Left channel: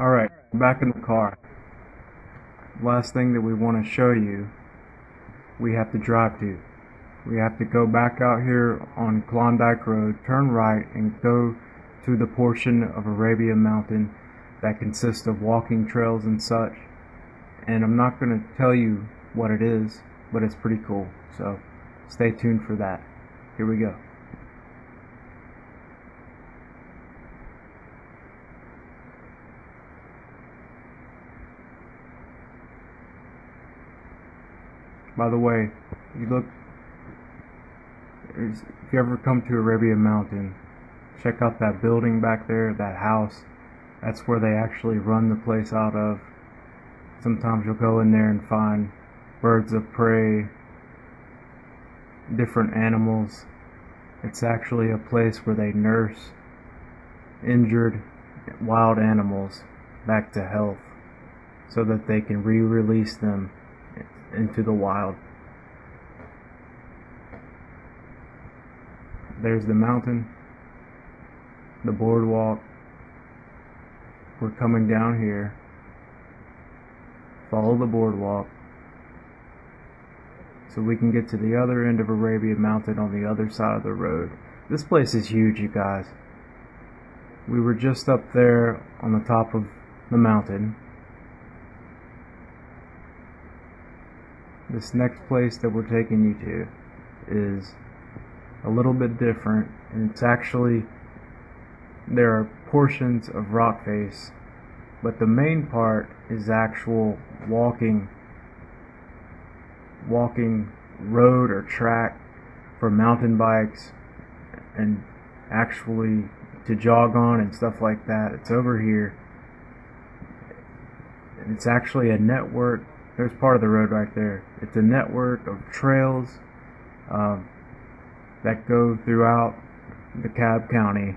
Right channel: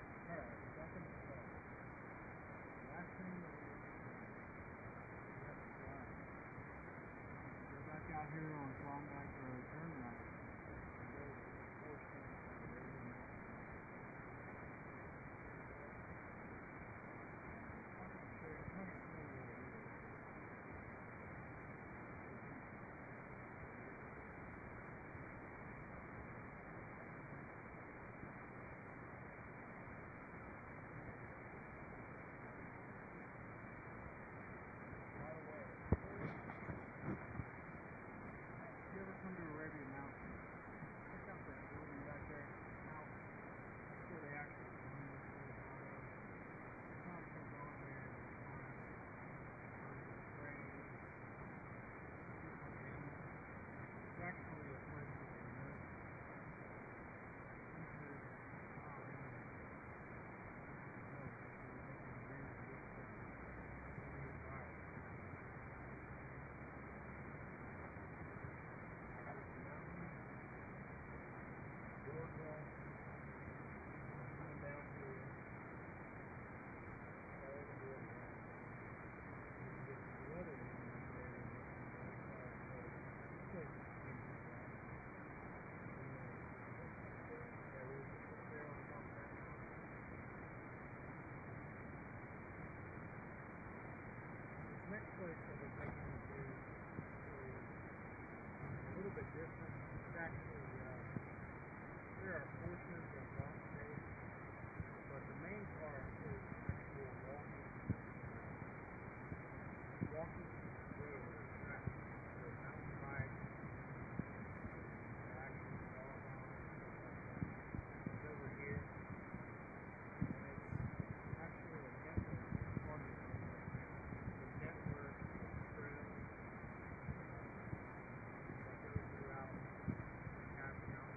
Alright, back in the car. Last thing that we want to show you, we have to drive to. We have to go back out here on Klondike Road, turn right, and go to the portion of Arabia Mountain that consists of walking trails and such. And I'm not going to tell you what it is, but it's pretty cool. So stay tuned for that. Here we go. By the way, if you ever come to Arabia Mountain, check out that building back there, that house. That's where they actually run the place out of. Sometimes you'll go in there and find birds of prey, different animals. It's actually a place where they nurse injured wild animals back to health so that they can re-release them into the wild. There's the mountain, the boardwalk. We're coming down here. Follow the boardwalk so we can get to the other end of Arabia Mountain on the other side of the road. This place is huge, you guys. We were just up there on the top of the mountain. This next place that we're taking you to is a little bit different, and it's actually, there are portions of rock face, but the main part is actual walking road or track for mountain bikes and actually to jog on and stuff like that. It's over here. It's actually a network. There's part of the road right there. It's a network of trails that go throughout DeKalb County.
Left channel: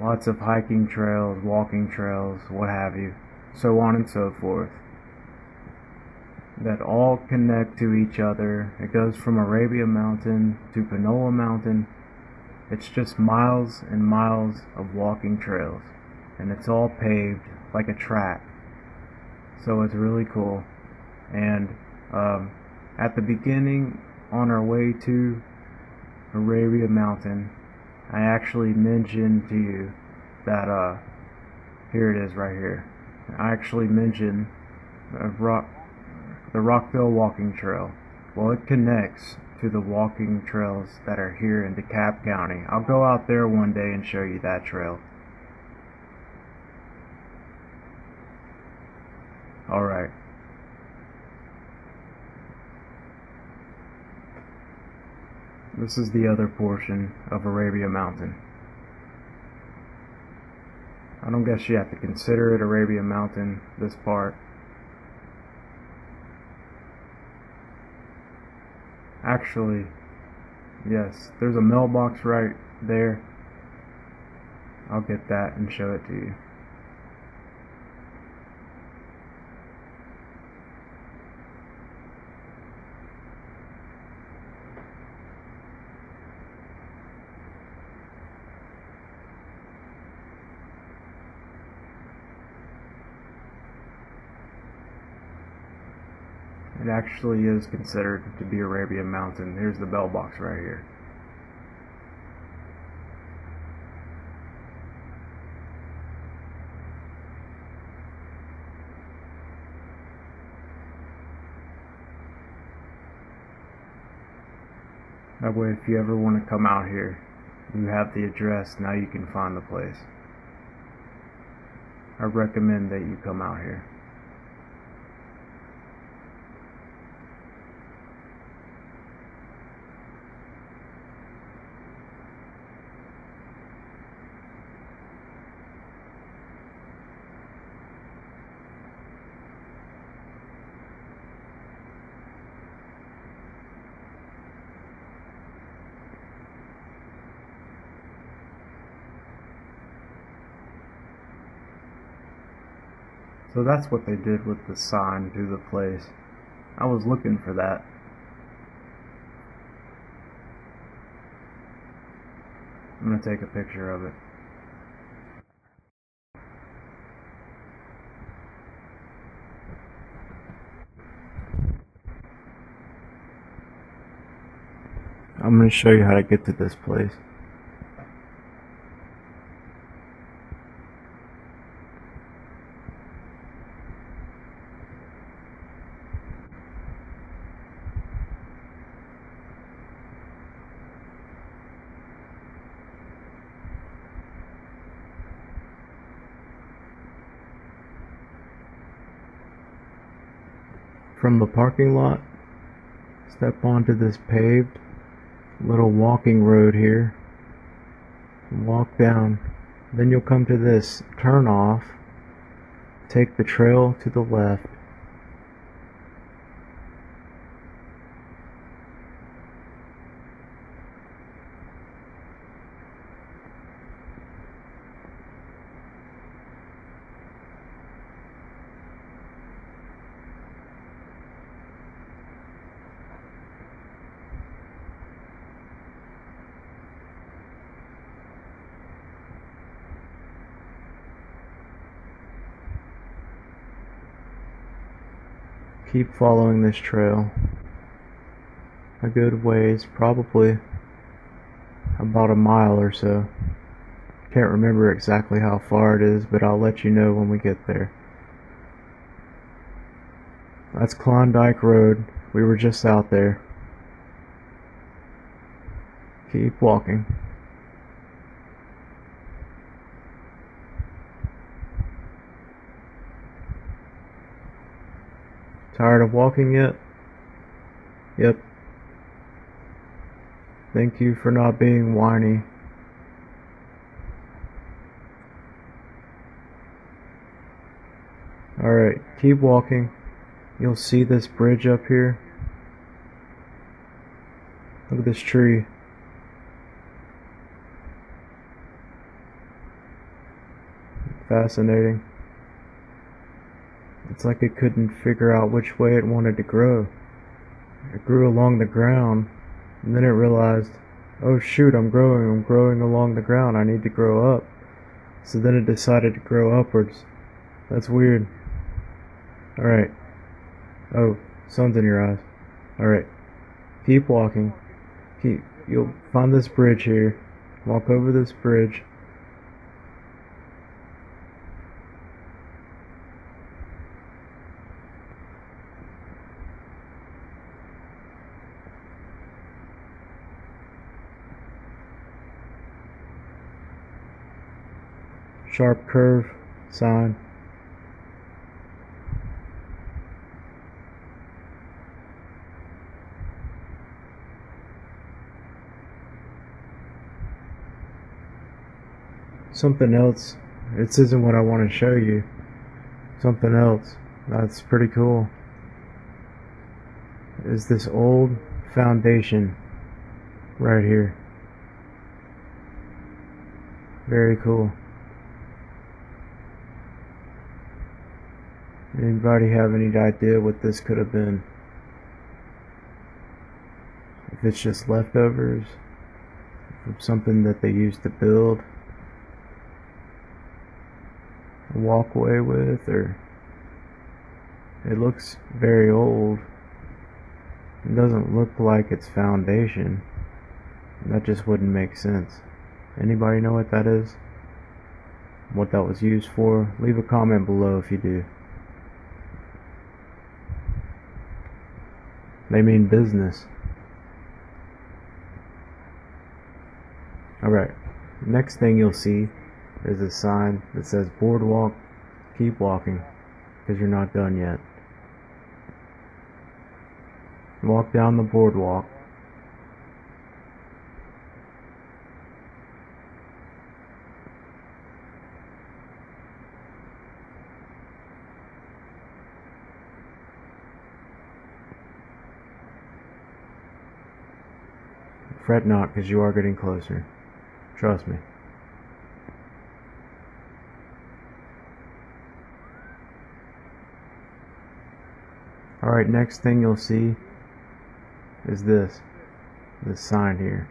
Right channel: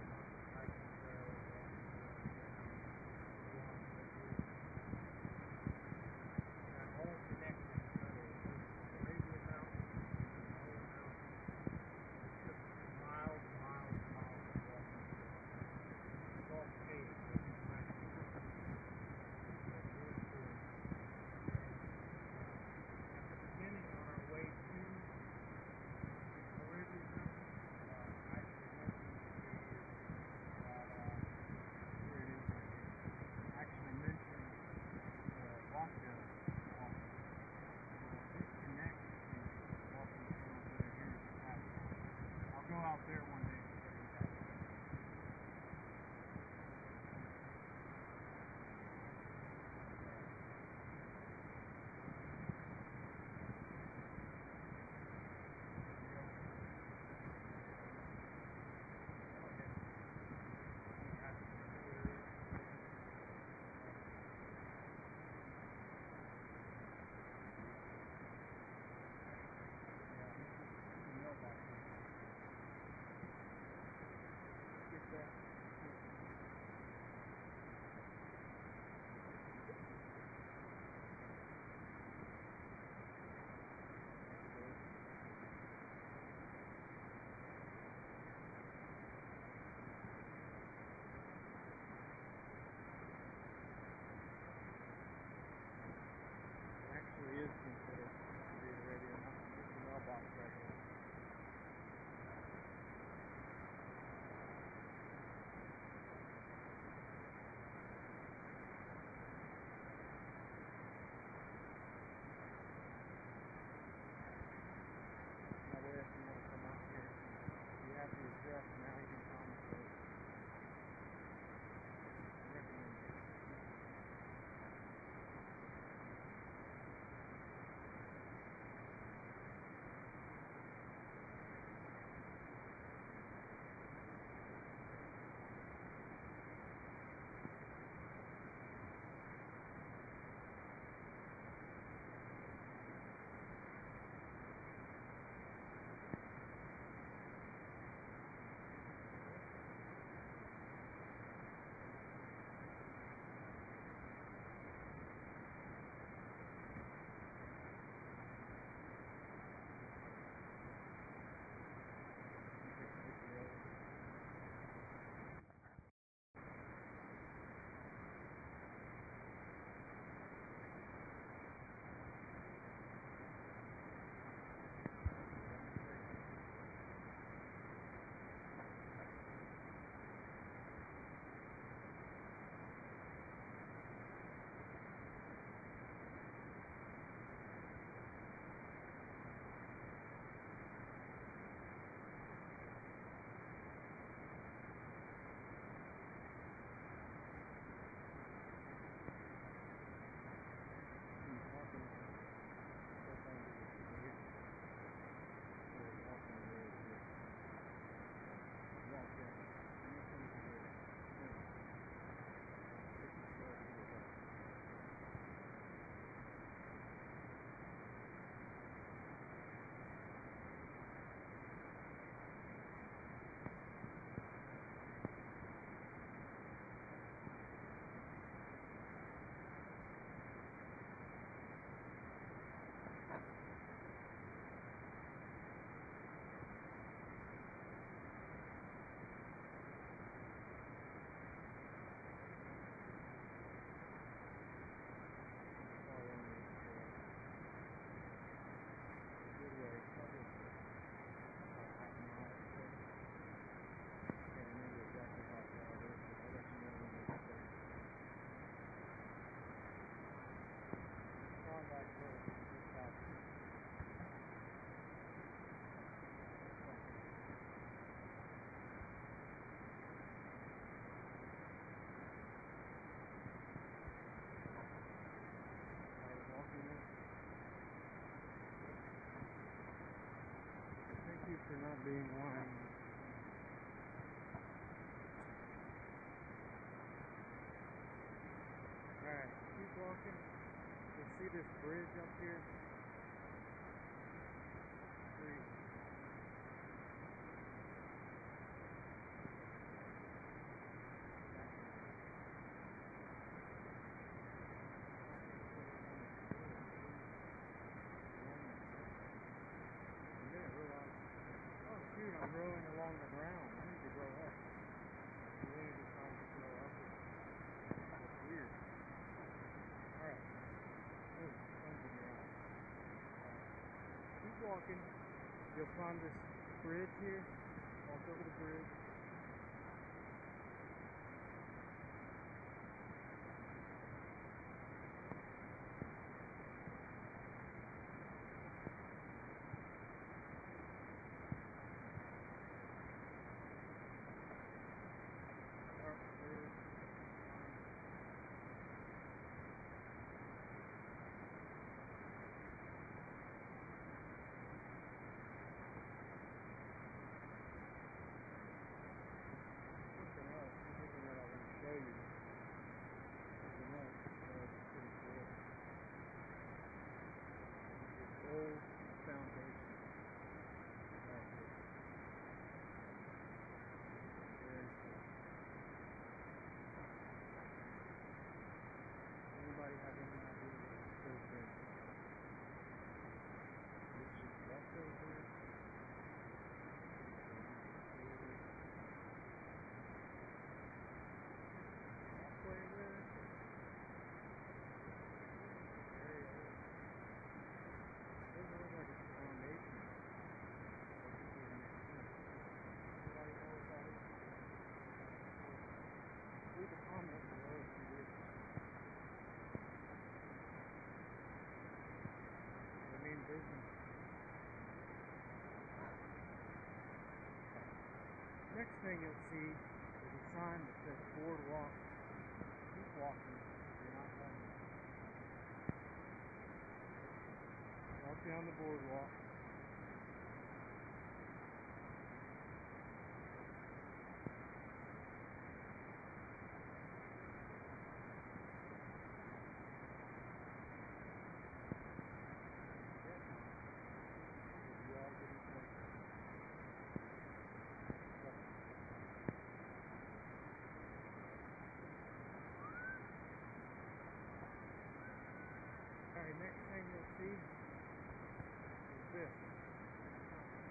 Lots of hiking trails, walking trails, what have you, so on and so forth, that all connect to each other. It goes from Arabia Mountain to Panola Mountain. It's just miles and miles of walking trails, and it's all paved like a track. So it's really cool. And at the beginning, on our way to Arabia Mountain, I actually mentioned to you that here it is right here. I actually mentioned the Rockville Walking Trail. Well, it connects to the walking trails that are here in DeKalb County. I'll go out there one day and show you that trail. Alright. This is the other portion of Arabia Mountain. I don't guess you have to consider it Arabia Mountain, this part. Actually, yes, there's a mailbox right there. I'll get that and show it to you. It actually is considered to be Arabia Mountain. Here's the bell box right here. That way, if you ever want to come out here, you have the address. Now you can find the place. I recommend that you come out here. So that's what they did with the sign to the place. I was looking for that. I'm gonna take a picture of it. I'm going to show you how to get to this place. From the parking lot, step onto this paved little walking road here, and walk down. Then you'll come to this turn off, take the trail to the left. Keep following this trail a good ways, probably about a mile or so. Can't remember exactly how far it is, but I'll let you know when we get there. That's Klondike Road. We were just out there. Keep walking. Tired of walking yet? Yep. Thank you for not being whiny. Alright, keep walking. You'll see this bridge up here. Look at this tree. Fascinating. It's like it couldn't figure out which way it wanted to grow. It grew along the ground, and then it realized, oh shoot, I'm growing along the ground, I need to grow up. So then it decided to grow upwards. That's weird. Alright. Oh, sun's in your eyes. Alright. Keep walking. You'll find this bridge here. Walk over this bridge. Sharp curve sign. Something else. This isn't what I want to show you. Something else that's pretty cool is this old foundation right here. Very cool. Anybody have any idea what this could have been? If it's just leftovers from something that they used to build a walkway with, or it looks very old. It doesn't look like it's foundation. That just wouldn't make sense. Anybody know what that is? What that was used for? Leave a comment below if you do. They mean business. Alright, next thing you'll see is a sign that says boardwalk, keep walking, because you're not done yet. Walk down the boardwalk. Fret not, because you are getting closer. Trust me. Alright, next thing you'll see is this sign here.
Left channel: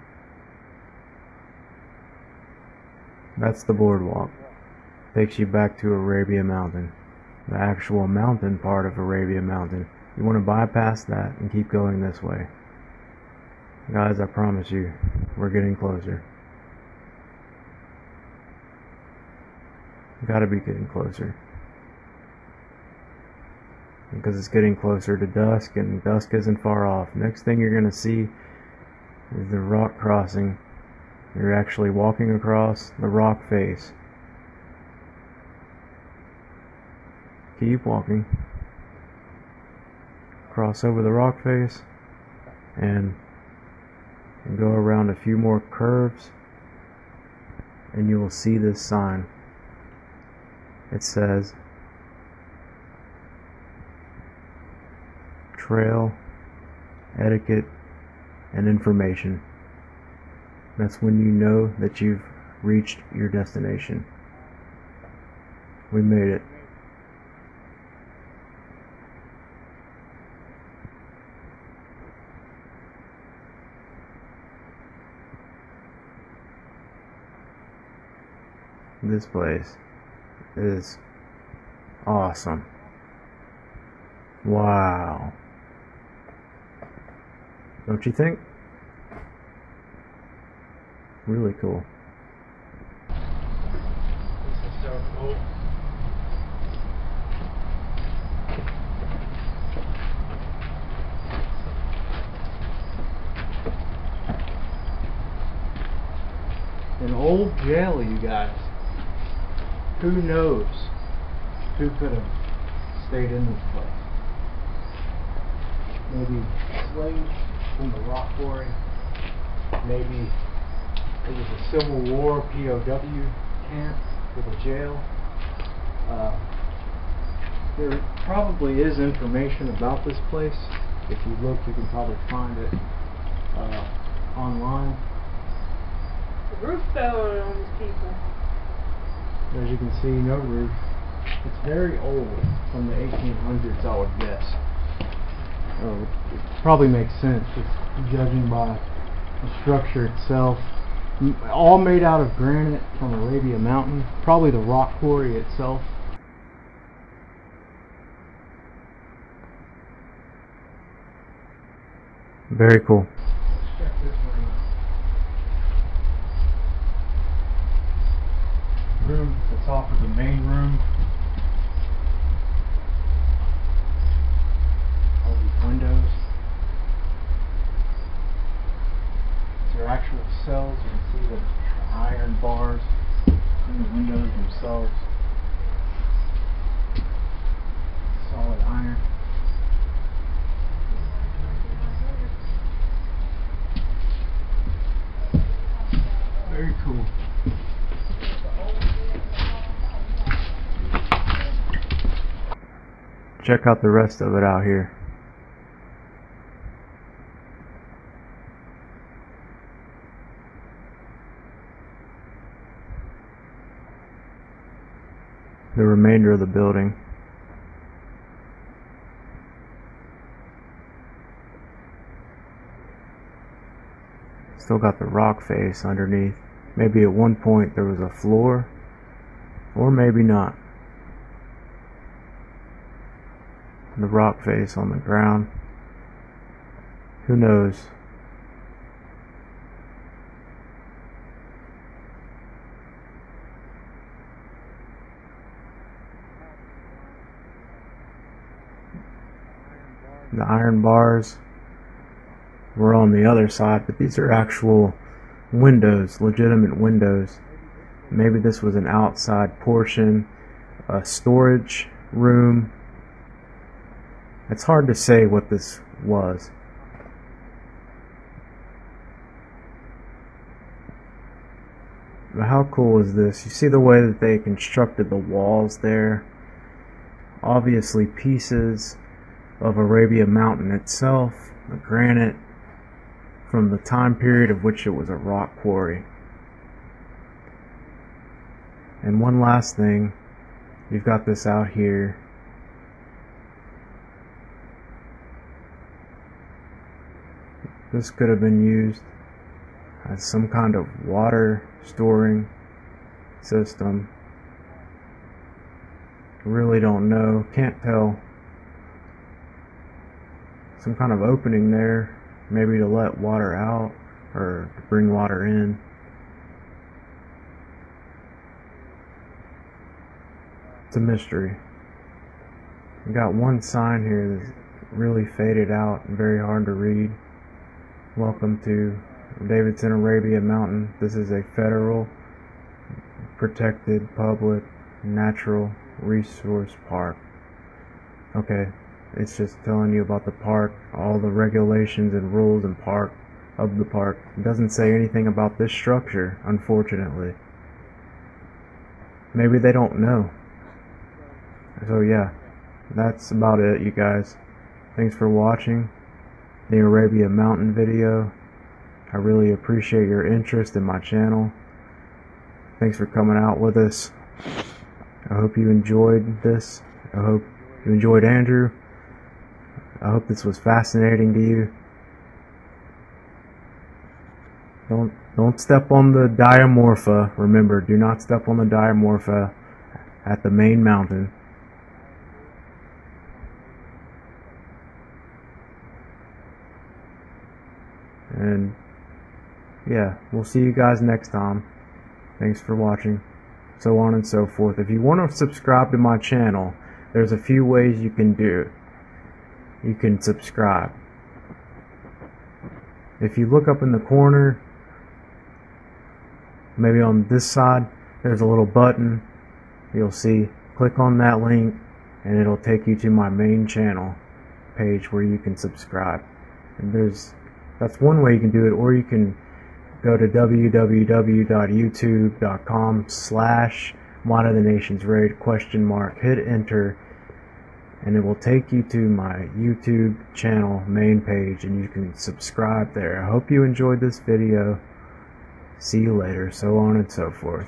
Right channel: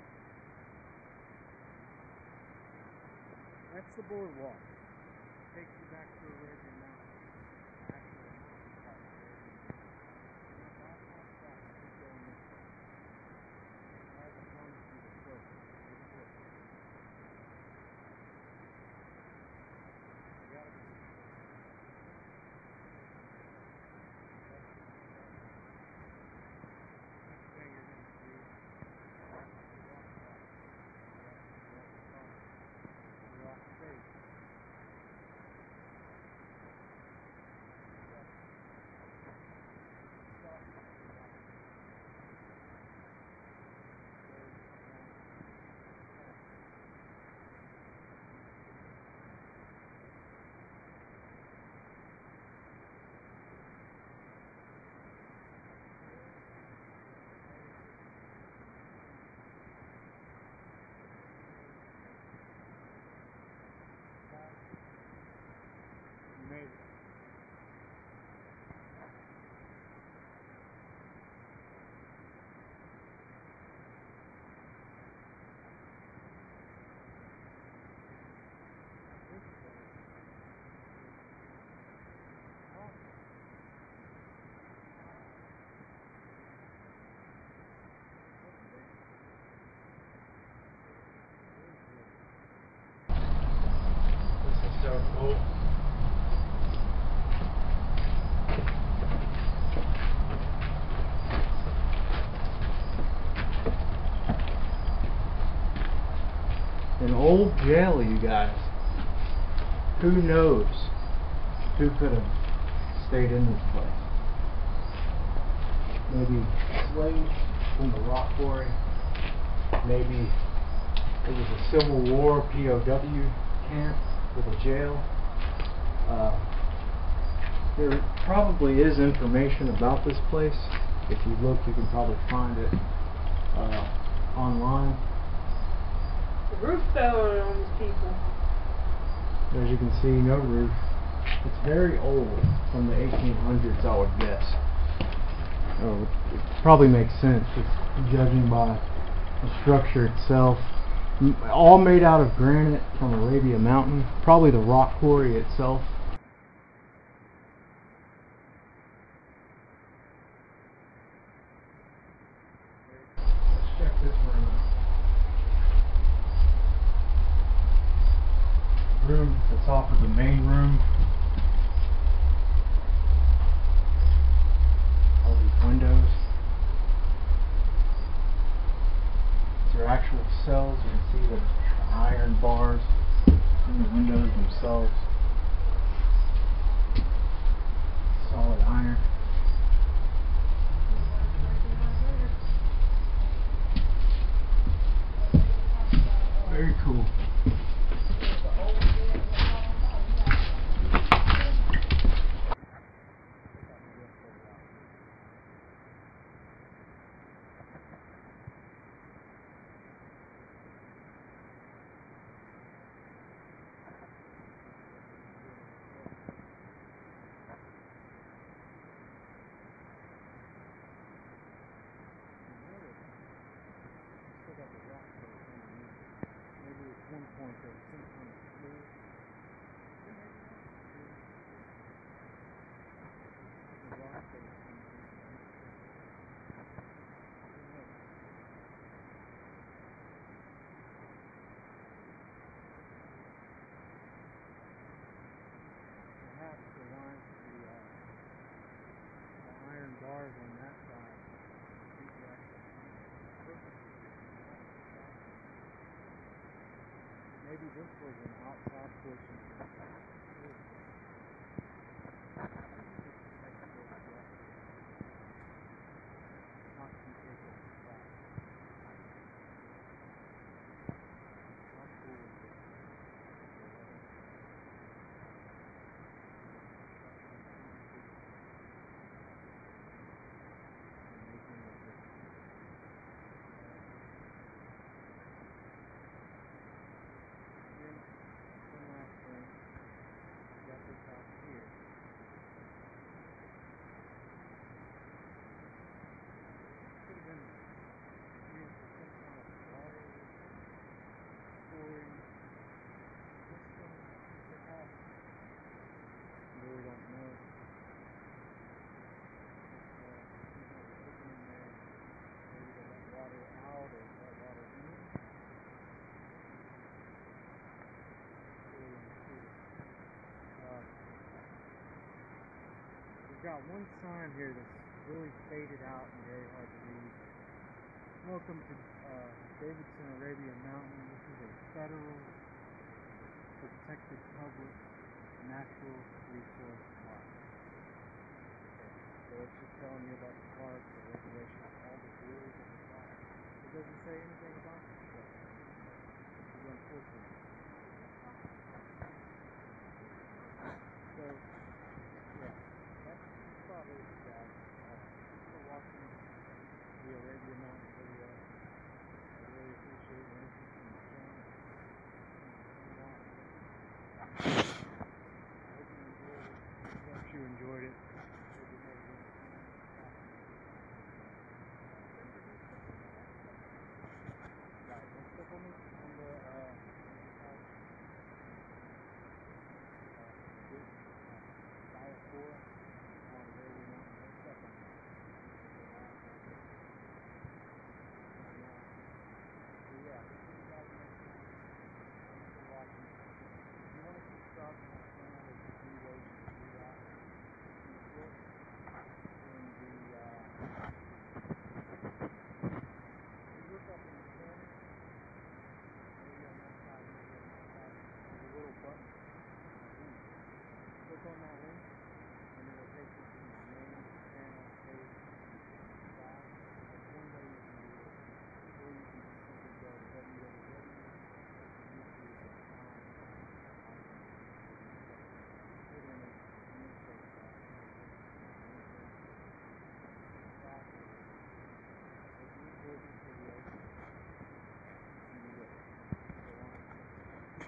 That's the boardwalk. Takes you back to Arabia Mountain. The actual mountain part of Arabia Mountain. You want to bypass that and keep going this way. Guys, I promise you, we're getting closer. Gotta be getting closer. Because it's getting closer to dusk, and dusk isn't far off. Next thing you're gonna see is the rock crossing. You're actually walking across the rock face. Keep walking. Cross over the rock face and go around a few more curves, and you will see this sign. It says Trail, Etiquette, and Information. That's when you know that you've reached your destination. We made it. This place is awesome. Wow. Don't you think? Really cool. This is so cool. An old jail, you guys. Who knows who could have stayed in this place? Maybe slaves from the rock quarry. Maybe it was a Civil War POW camp with a jail. There probably is information about this place. If you look, you can probably find it online. The roof fell on these people. As you can see, no roof. It's very old, from the 1800s, I would guess. It probably makes sense, just judging by the structure itself. All made out of granite from Arabia Mountain. Probably the rock quarry itself. Very cool. Let's check this room out. Room that's off of the main room. All these windows. These are actual cells. You can see the iron bars in the windows themselves. Solid iron. Very cool. Check out the rest of it out here. The remainder of the building. Still got the rock face underneath. Maybe at one point there was a floor, or maybe not. The rock face on the ground. Who knows? The iron bars were on the other side, but these are actual windows, legitimate windows. Maybe this was an outside portion, a storage room. It's hard to say what this was. But how cool is this? You see the way that they constructed the walls there? Obviously pieces of Arabia Mountain itself, the granite from the time period of which it was a rock quarry. And one last thing, you've got this out here. This could have been used as some kind of water storing system. Really don't know, can't tell. Some kind of opening there, maybe to let water out or to bring water in. It's a mystery. We got one sign here that's really faded out and very hard to read. Welcome to Davidson Arabia Mountain. This is a federal protected public natural resource park. Okay, it's just telling you about the park, all the regulations and rules and of the park. It doesn't say anything about this structure, unfortunately. Maybe they don't know. So yeah, that's about it, you guys. Thanks for watching the Arabia Mountain video. I really appreciate your interest in my channel. Thanks for coming out with us. I hope you enjoyed this. I hope you enjoyed Andrew. I hope this was fascinating to you. Don't step on the Diamorpha. Remember, do not step on the Diamorpha at the main mountain. And yeah, we'll see you guys next time. Thanks for watching. So on and so forth. If you want to subscribe to my channel, there's a few ways you can do it. You can subscribe. If you look up in the corner, maybe on this side, there's a little button. You'll see, click on that link and it'll take you to my main channel page where you can subscribe. And that's one way you can do it, or you can go to www.youtube.com/ModOfTheNationsRaid ? Hit enter, and it will take you to my YouTube channel main page, and you can subscribe there. I hope you enjoyed this video. See you later, so on and so forth.